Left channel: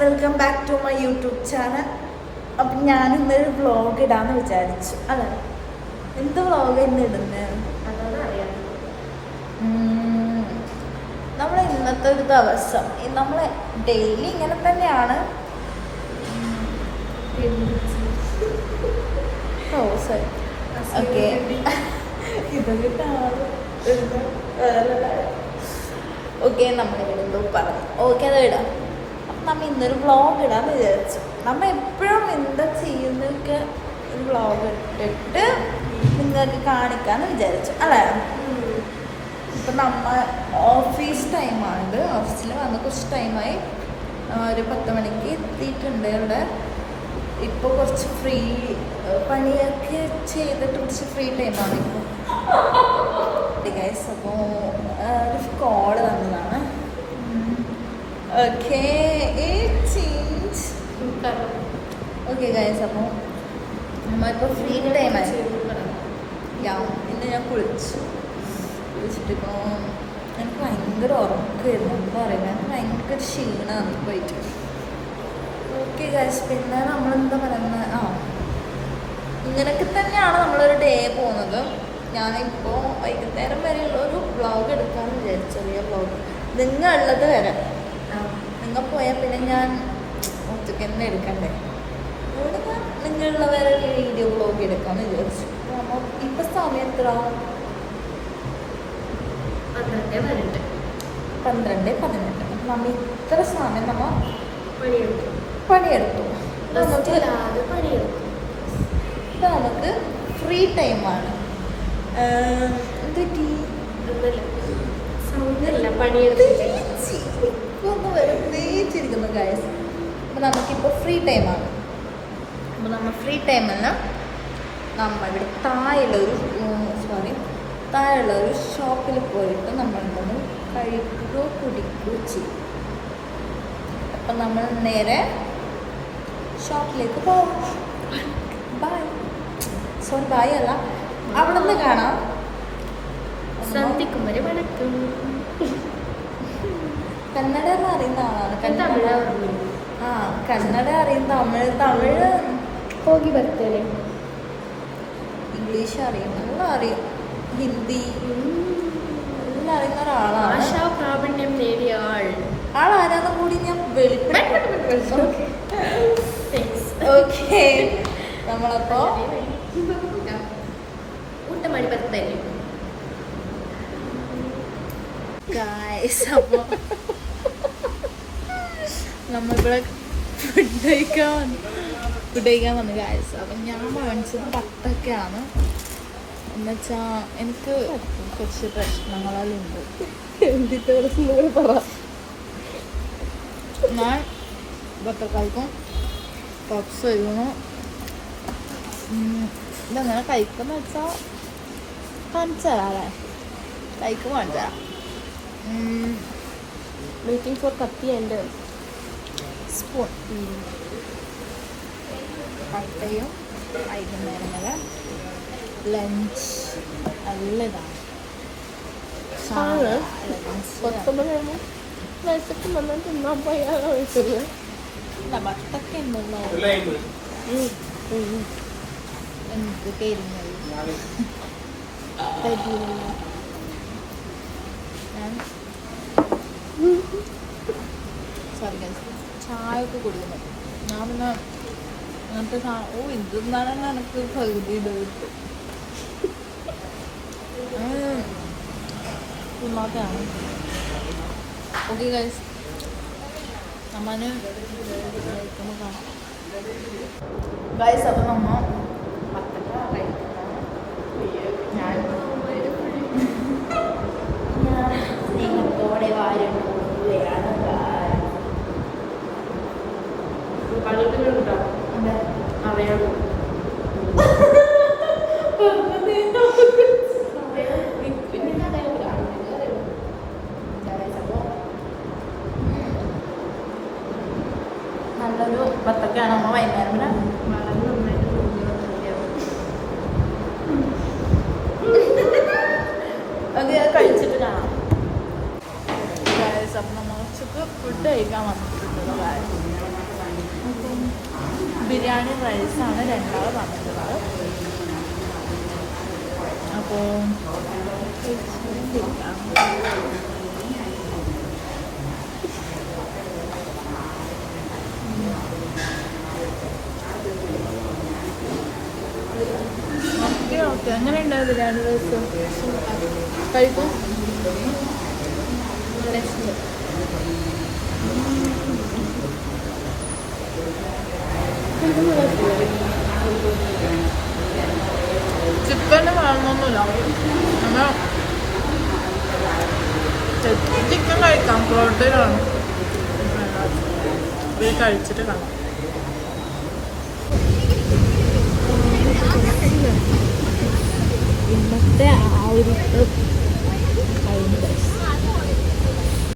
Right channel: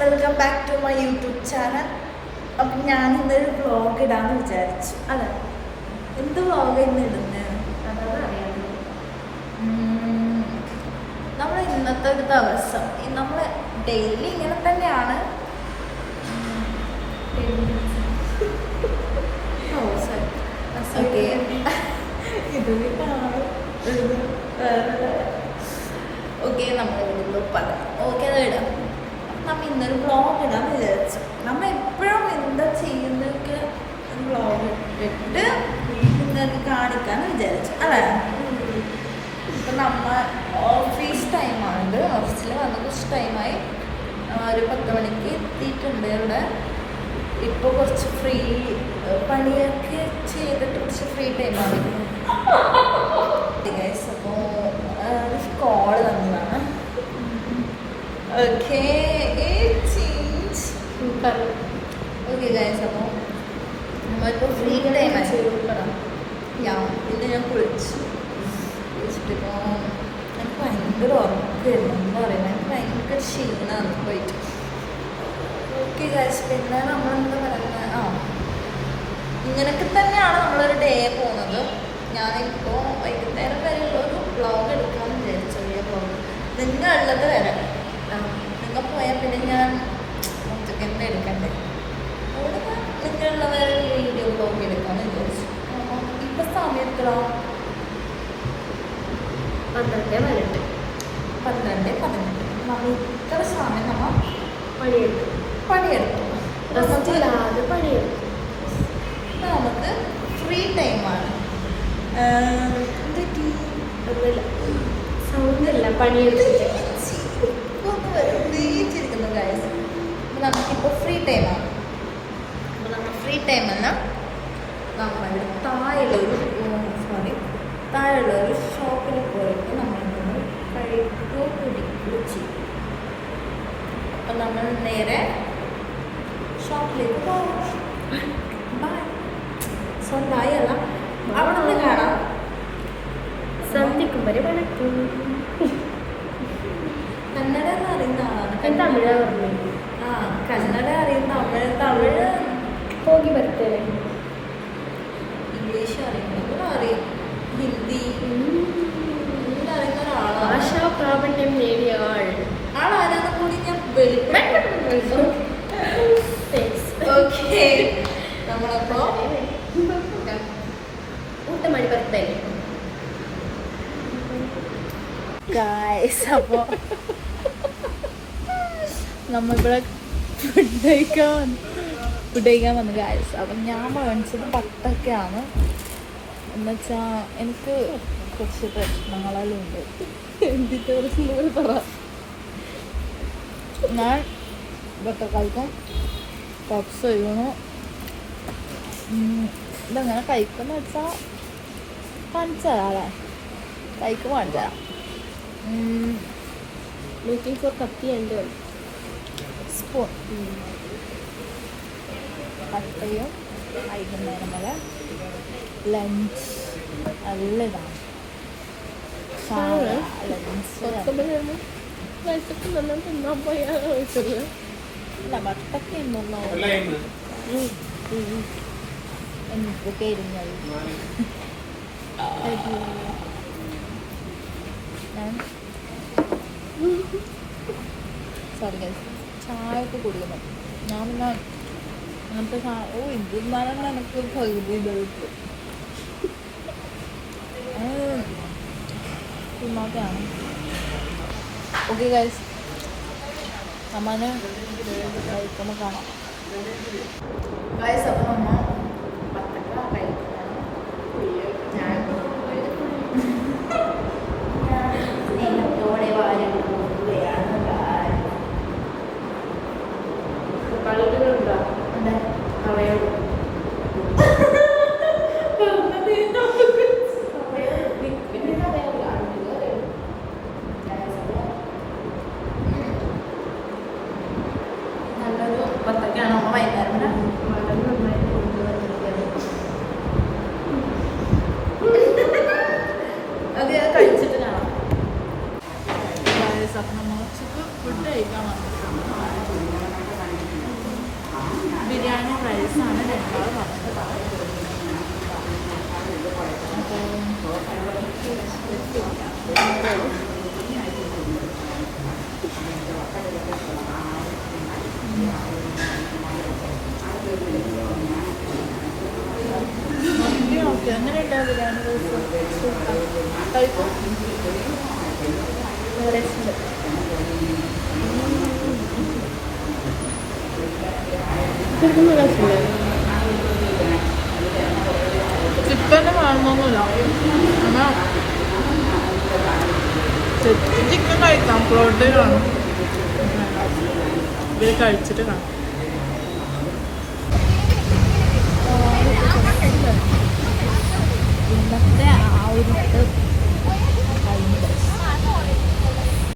Welcome back to my YouTube channel. അപ്പം ഞാൻ ഇന്നൊരു വ്ളോഗ് ഇടാന്ന് വിചാരിച്ചു. അല്ലേ, എന്ത് വ്ളോഗ് ഇന്ന് ഇടുന്നത്? നമ്മൾ ഇന്നത്തെ ഒരു ദിവസം നമ്മൾ ഡെയിലി ഇങ്ങനെ തന്നെയാണ്. ഓക്കെ, ഇതൊക്കെ ഓക്കെ, നമ്മൾ വീണ്ടും പറഞ്ഞു. ഓക്കെ, അത് ഇടാം. അപ്പം നമ്മൾ ഇന്നൊരു വ്ളോഗ് ഇടാന്ന് വിചാരിച്ചു. നമ്മൾ എപ്പോഴും എന്താ ചെയ്യുന്നതൊക്കെ ഒരു വ്ളോഗ് ഇട്ടിട്ട് നിങ്ങൾക്ക് കാണിക്കാന്ന് വിചാരിച്ചു. അല്ലേ, ഇപ്പം നമ്മൾ ഓഫീസ് ടൈമാണിത്. ഓഫീസിൽ വന്ന് കുറച്ച് ടൈമായി, ഒരു 10 മണിക്ക് എത്തിയിട്ടുണ്ട് ഇവിടെ. ഇപ്പോൾ കുറച്ച് ഫ്രീ പണിയൊക്കെ ചെയ്തിട്ട് കുറച്ച് ഫ്രീ ടൈമാണ്. അപ്പോൾ ഒരു കോള് വന്നതാണ്. ഓക്കെ ഓക്കെ ഗൈസ്, അപ്പോൾ നമ്മളിപ്പോൾ ഫ്രീ ടൈമായി. ഇന്ന് ഞാൻ കുളിച്ചിട്ടിപ്പോൾ എനിക്ക് ഭയങ്കര ഉറക്കമായിരുന്നു. എന്താ പറയുന്നത്, എനിക്ക് ഭയങ്കര ക്ഷീണമാണ് പോയിട്ട്. ഓക്കെ ഗൈസ്, പിന്നെ നമ്മളെന്താ പറയുന്നത്, ഇങ്ങനെയൊക്കെ തന്നെയാണ് നമ്മളൊരു ഡേ പോകുന്നത്. ഞാനിപ്പോൾ വൈകുന്നേരം വരെയുള്ളൊരു വ്ളോഗ് എടുക്കാമെന്ന് വിചാരിച്ചു. ചെറിയ വ്ളോഗ് നിങ്ങളുള്ളത് വരെ. നിങ്ങൾ പോയാൽ പിന്നെ ഞാൻ ഒറ്റയ്ക്ക് തന്നെ എടുക്കണ്ടേ. അവിടെ ഞാൻ നിങ്ങളുള്ള വരെ വീഡിയോ വ്ളോഗ് എടുക്കാമെന്ന് വിചാരിച്ചു. അപ്പം ഇപ്പം സമയം എത്ര? 12:18. അപ്പം നമ്മൾ ഇത്ര സമയം നമ്മൾ പണിയെടുത്തു. ഇപ്പം നമുക്ക് ഫ്രീ ടൈമാണ്. സൗണ്ടല്ല, പണിയെടുത്തിട്ട് ഒന്ന് വരും നീച്ചിരിക്കുന്നു ഗൈസ്. അപ്പം നമുക്കിപ്പോൾ ഫ്രീ ടൈമാണ്. അപ്പോൾ നമ്മൾ ഫ്രീ ടൈമല്ല, നമ്മളിവിടെ താഴെയുള്ള ഒരു ഷോപ്പിൽ പോയിട്ട് നമ്മൾക്കൊന്ന് കഴിക്കുകയോ കുടിക്കുകയോ ചെയ്യും. അപ്പം നമ്മൾ നേരെ ഷോപ്പിലേക്ക് പോകും. ബൈ അല്ല, അവിടെ നിന്ന് കാണാം. സന്ധിക്കും വരെ വണക്കം. കന്നഡ എന്ന് അറിയുന്ന ആളാണ്. തമിഴ പറഞ്ഞു. കന്നഡ അറിയും, തമിഴ് പോകി ബರ್ತೇನೆ. ഇംഗ്ലീഷ് അറിയും, ഹിന്ദി അറിയുന്ന ഒരാളാണ്. ഭാഷാ പ്രാവീണ്യം നേടിയ ആളാരാന്നും കൂടി ഞാൻ വെളിപ്പെടുത്തി. ഓക്കെ, നമ്മളപ്പോ ഊട്ടമണി ബರ್ತೇನೆ ഗൈസ്. അപ്പോൾ നമ്മളിവിടെ ഫുഡ് കഴിക്കാൻ വന്നു ഗൈസ്. അപ്പം ഞാൻ മേടിച്ചത് ബത്തക്കയാണ്. എന്നുവെച്ചാൽ എനിക്ക് കുറച്ച് പ്രശ്നങ്ങളെല്ലാം ഉണ്ട്. എന്തിൻ്റെ പ്രശ്നങ്ങൾ പറ. ഞാൻ ബത്തക്കായ്ക്കും പപ്സ് കഴിക്കുന്നു. ഇതെങ്ങനെ കഴിക്കുന്ന വെച്ചാൽ കാണിച്ചു തരാം. അല്ലേ, കഴിക്കുമ്പോൾ കാണിച്ചു തരാം. വെയിറ്റിംഗ് ഫോർ കത്തി ആൻഡ് സ്പൂൺ. കട്ടയും വൈകുന്നേരം വരെ ലഞ്ച് നല്ല ഇതാണ്. ബത്തക്ക ഉണ്ടല്ലോ എനിക്ക് കരിഞ്ഞത്. സോറി ഗൈസ്, ചായ ഒക്കെ കുടിക്കുന്നു. ഞാൻ പിന്നെ അങ്ങനത്തെ ഇതെന്നാണ് തന്നെ എനിക്ക് പകുതി ഇത് കിട്ടും. തിന്നാത്തതാണ്. ഓക്കെ ഗൈസ്, നമ്മന് കഴിക്കുമ്പോൾ കാണാം ഗൈസ്. അപ്പം നമ്മ ബത്തക്ക കഴിക്കുന്നതാണ്. ഞാൻ പഴത്തിനുണ്ടോ അറിയാമോ? നല്ലൊരു ബത്തക്കയാണ്. നമ്മൾ വൈകുന്നേരം വളരെ നന്നായിട്ട് അത് കഴിച്ചിട്ട് കാണാം. അപ്പം നമ്മൾ ഫുഡ് കഴിക്കാൻ ബിരിയാണി റൈസാണ് രണ്ടാമത് വന്നിട്ടുള്ളത്. ഓക്കെ എങ്ങനെയുണ്ടാവും ബിരിയാണി റൈസ്? കഴിക്കും. ചിക്കന് വേണമെന്നൊന്നുമില്ല, അങ്ങനെ ചിക്കൻ കഴിക്കാം, പ്രോട്ടീൻ വേണം. ഇത് കഴിച്ചിട്ട് കാണാം. ഇന്നത്തെ ആ ഒരു കഴിഞ്ഞു.